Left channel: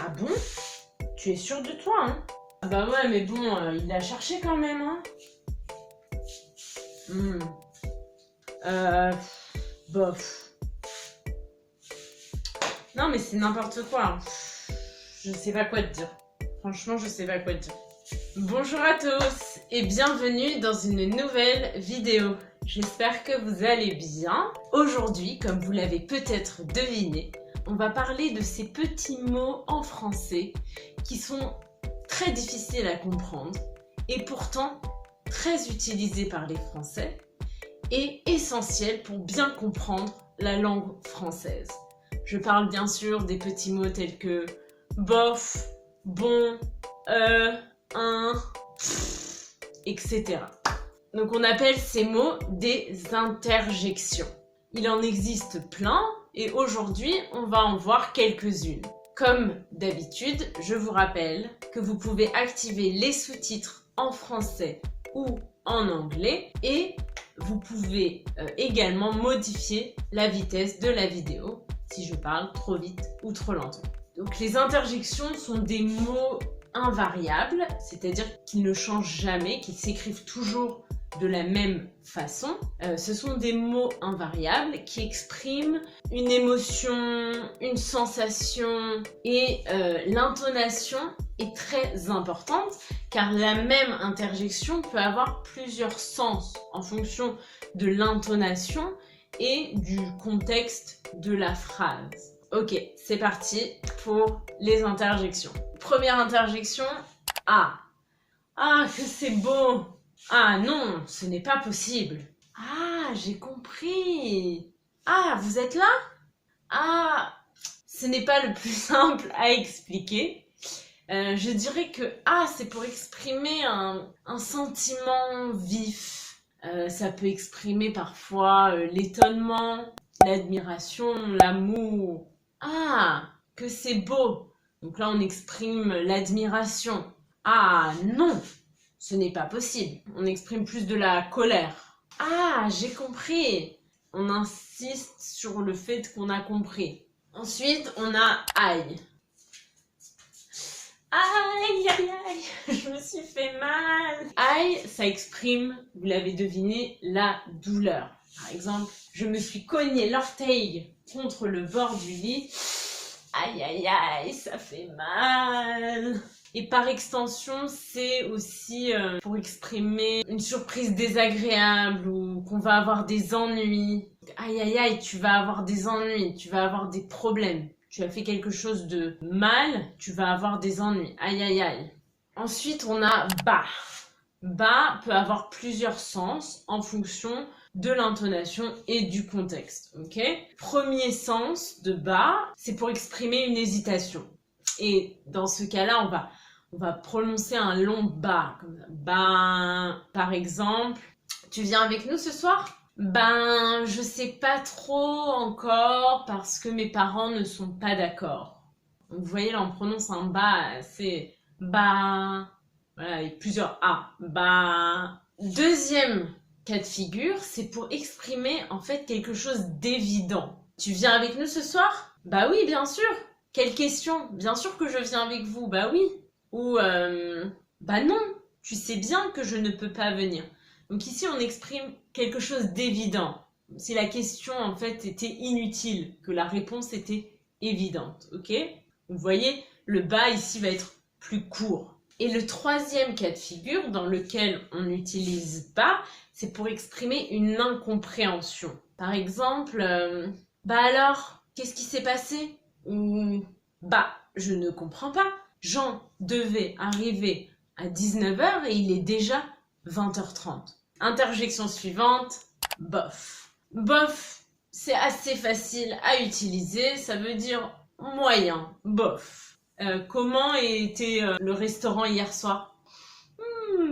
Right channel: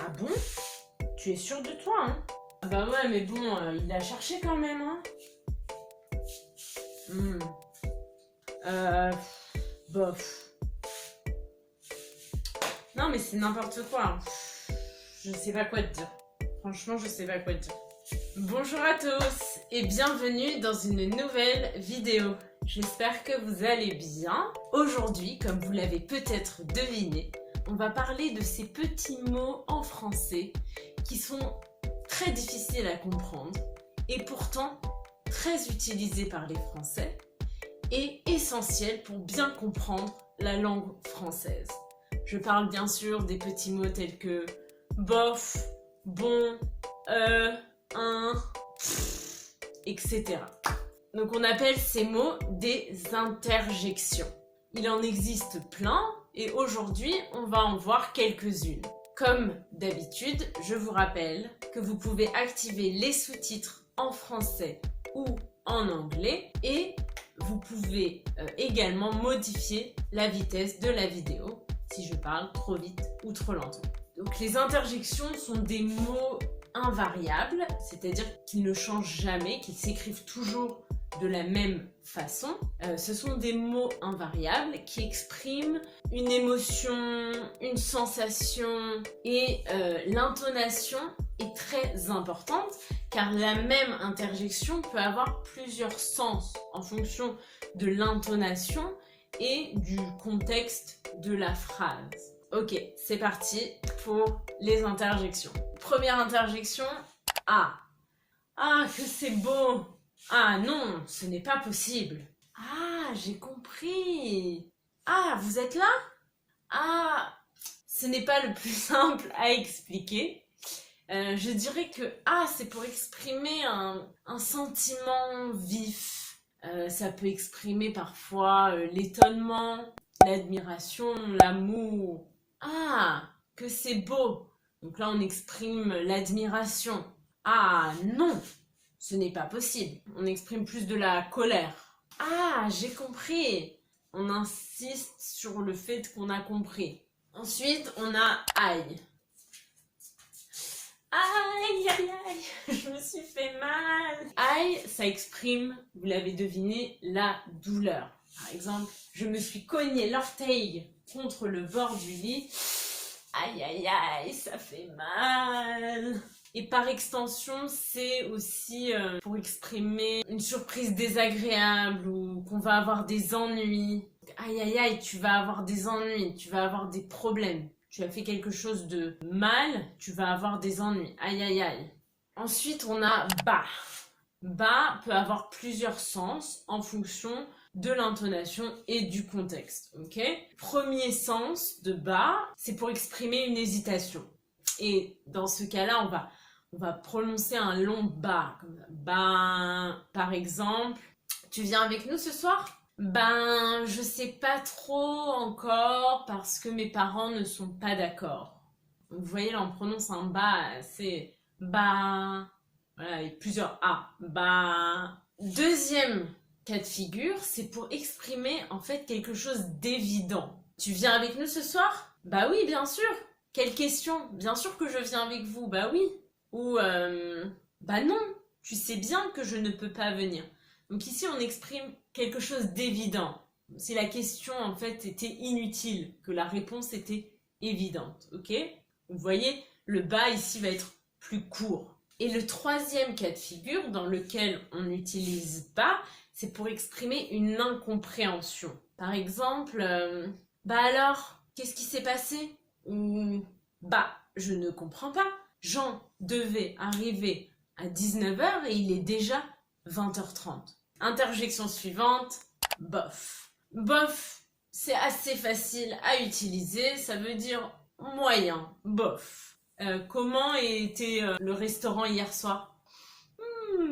Ah bon? Tu es sûr de toi, hein? Ah bah ouais, mais bon, il l'a cherché quand même, hein? Hmm. Euh... Bof. Non, mais c'est n'importe quoi, hein. Je sais pas quoi te dire. Franchement, je sais pas quoi te dire. Bonjour à tous et bienvenue dans une nouvelle vidéo. J'espère que vous allez bien. Aujourd'hui, comme vous l'avez peut-être deviné, on va parler de ces petits mots en français qui sont très difficiles à comprendre et pourtant très utilisés par les Français et essentiels pour bien comprendre la langue française. Je parle bien sûr des petits mots tels que bof, bon, un, etc. Donc on appelle ces mots des interjections. Il en existe plein et aujourd'hui on va en voir quelques-unes. Comme d'habitude, je vous rappelle que vous pouvez activer les sous-titres en français ou en anglais et vous pouvez également modifier la vitesse de la vidéo si je parle trop vite ou trop lentement. Donc les interjections sont des mots invariables, c'est-à-dire qu'ils ne changent jamais, qu'ils s'écrivent toujours de la même façon. Ce sont des mots invariables qui expriment une émotion, une sensation et l'intonation est très importante car la même interjection peut avoir plusieurs sens en fonction de l'intonation et du contexte de la phrase. Ok, c'est parti pour les interjections. Première interjection, ah. Ah, que c'est beau. Ah non, ce n'est pas possible. Ah, j'ai compris. Ah, vous êtes là? Ah, ce n'est pas le plus simple à expliquer. Je dirais que ah, c'est pour exprimer un sentiment vif. Ça peut exprimer parfois l'étonnement, l'admiration, l'amour. Ah, que c'est beau. Donc là, on exprime l'admiration. Ah non, ce n'est pas possible. On exprime plus de la colère. Ah, j'ai compris. On insiste sur le fait qu'on a compris. Ensuite, on a aïe. Aïe, aïe, aïe, je me suis fait mal. Aïe, ça exprime, vous l'avez deviné, la douleur. Par exemple, je me suis cogné l'orteil contre le bord du lit. Aïe, aïe, aïe, ça fait mal. Et par extension, c'est aussi pour exprimer une surprise désagréable ou qu'on va avoir des ennuis. Aïe, aïe, aïe, tu vas avoir des ennuis, tu vas avoir des problèmes. Tu as fait quelque chose de mal, tu vas avoir des ennuis. Aïe, aïe, aïe. Ensuite, on a bas. Bas peut avoir plusieurs sens en fonction de l'intonation et du contexte. Ok ? Premier sens de bas, c'est pour exprimer une hésitation. Et dans ce cas-là, on va prononcer un long bas. Bah, par exemple, tu viens avec nous ce soir ? Ben, je sais pas trop encore parce que mes parents ne sont pas d'accord. Donc, vous voyez, là, on prononce un bas, c'est bah. Voilà, avec plusieurs A. Bah. Deuxième cas de figure, c'est pour exprimer en fait quelque chose d'évident. Tu viens avec nous ce soir ? Bah oui, bien sûr. Quelle question ? Bien sûr que je viens avec vous. Bah oui. Ou bah non, tu sais bien que je ne peux pas venir. Donc ici, on exprime quelque chose d'évident. Si la question, en fait, était inutile, que la réponse était évidente, ok ? Vous voyez, le bas, ici, va être plus court. Et le troisième cas de figure, dans lequel on n'utilise pas, c'est pour exprimer une incompréhension. Par exemple, bah alors, qu'est-ce qui s'est passé ? Ou, bah, je ne comprends pas. Jean devait arriver à 19h et il est déjà 20h30. Interjection suivante, bof. Bof, c'est assez facile à utiliser, ça veut dire moyen, bof. Comment était le restaurant hier soir ?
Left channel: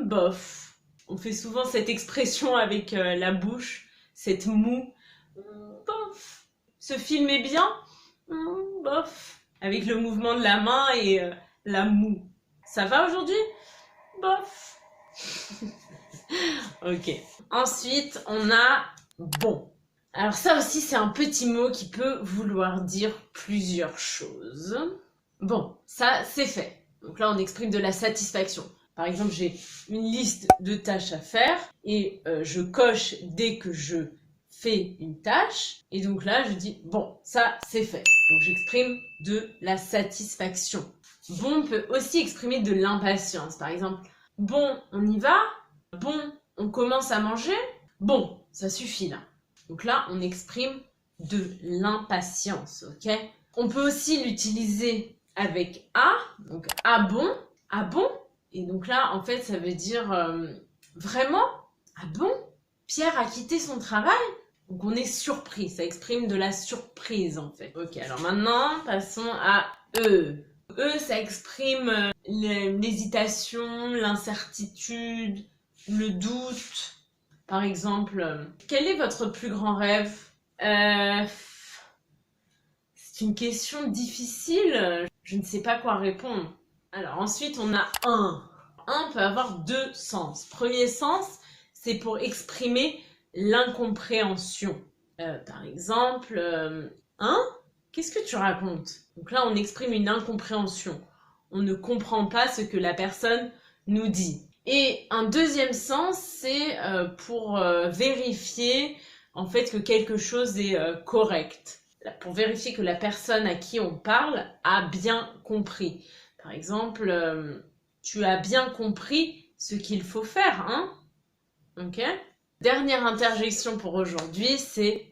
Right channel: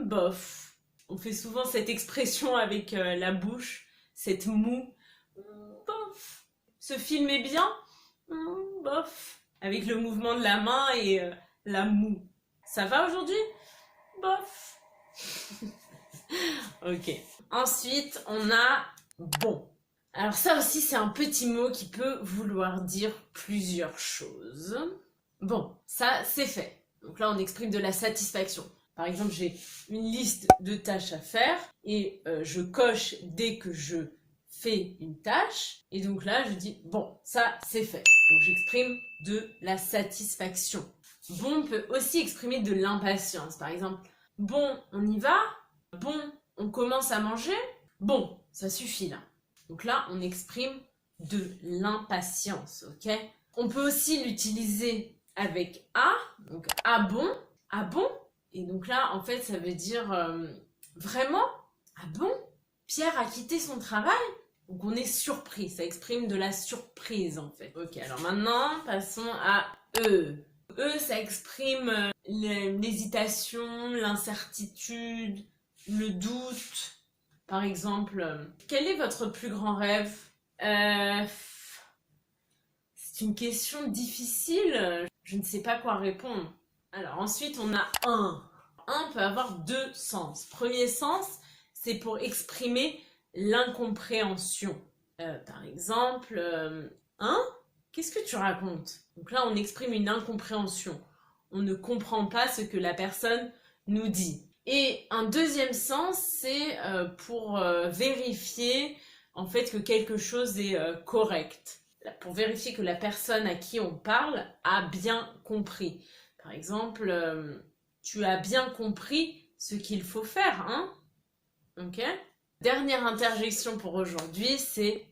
Bof. On fait souvent cette expression avec la bouche, cette moue. Bof. Ce film est bien ? Bof. Avec le mouvement de la main et la moue. Ça va aujourd'hui ? Bof. Ok. Ensuite, on a bon. Alors ça aussi, c'est un petit mot qui peut vouloir dire plusieurs choses. Bon, ça c'est fait. Donc là on exprime de la satisfaction. Par exemple, j'ai une liste de tâches à faire et je coche dès que je fais une tâche. Et donc là, je dis, bon, ça, c'est fait. Donc j'exprime de la satisfaction. Bon peut aussi exprimer de l'impatience. Par exemple, bon, on y va. Bon, on commence à manger. Bon, ça suffit là. Donc là, on exprime de l'impatience, ok? On peut aussi l'utiliser avec à. Donc, ah bon. Et donc là, en fait, ça veut dire vraiment, ah bon, Pierre a quitté son travail? Donc on est surpris, ça exprime de la surprise en fait. Ok, alors maintenant, passons à E. E, ça exprime l'hésitation, l'incertitude, le doute. Par exemple, quel est votre plus grand rêve? C'est une question difficile, je ne sais pas quoi répondre. Alors ensuite, on a un. Un peut avoir deux sens. Premier sens, c'est pour exprimer l'incompréhension. Par exemple, hein? Qu'est-ce que tu racontes? Donc là, on exprime une incompréhension. On ne comprend pas ce que la personne nous dit. Et un deuxième sens, c'est pour vérifier en fait que quelque chose est correct. Pour vérifier que la personne à qui on parle a bien compris. Par exemple, tu as bien compris ce qu'il faut faire, hein? Ok? Dernière interjection pour aujourd'hui, c'est...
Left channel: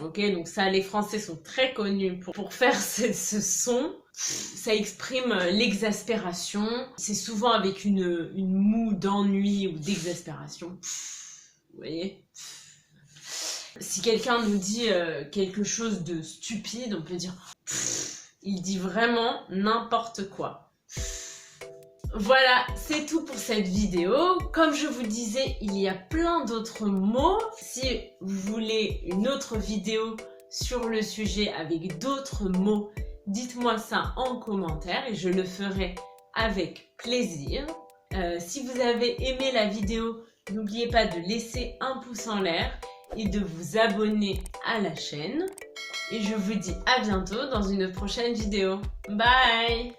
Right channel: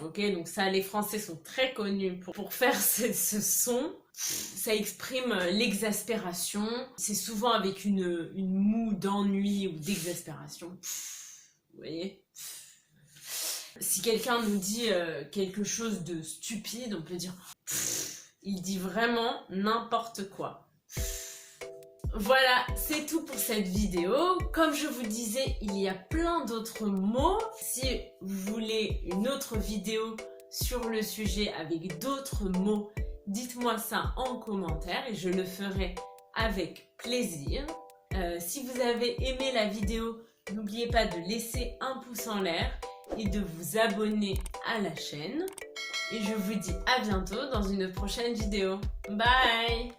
Ok, donc ça, les Français sont très connus pour faire ce son. Ça exprime l'exaspération. C'est souvent avec une moue d'ennui ou d'exaspération. Vous voyez? Si quelqu'un nous dit quelque chose de stupide, on peut dire... Il dit vraiment n'importe quoi. Voilà, c'est tout pour cette vidéo. Comme je vous disais, il y a plein d'autres mots. Si vous voulez une autre vidéo sur le sujet avec d'autres mots, dites-moi ça en commentaire et je le ferai avec plaisir. Si vous avez aimé la vidéo, n'oubliez pas de laisser un pouce en l'air et de vous abonner à la chaîne. Et je vous dis à bientôt dans une prochaine vidéo. Bye!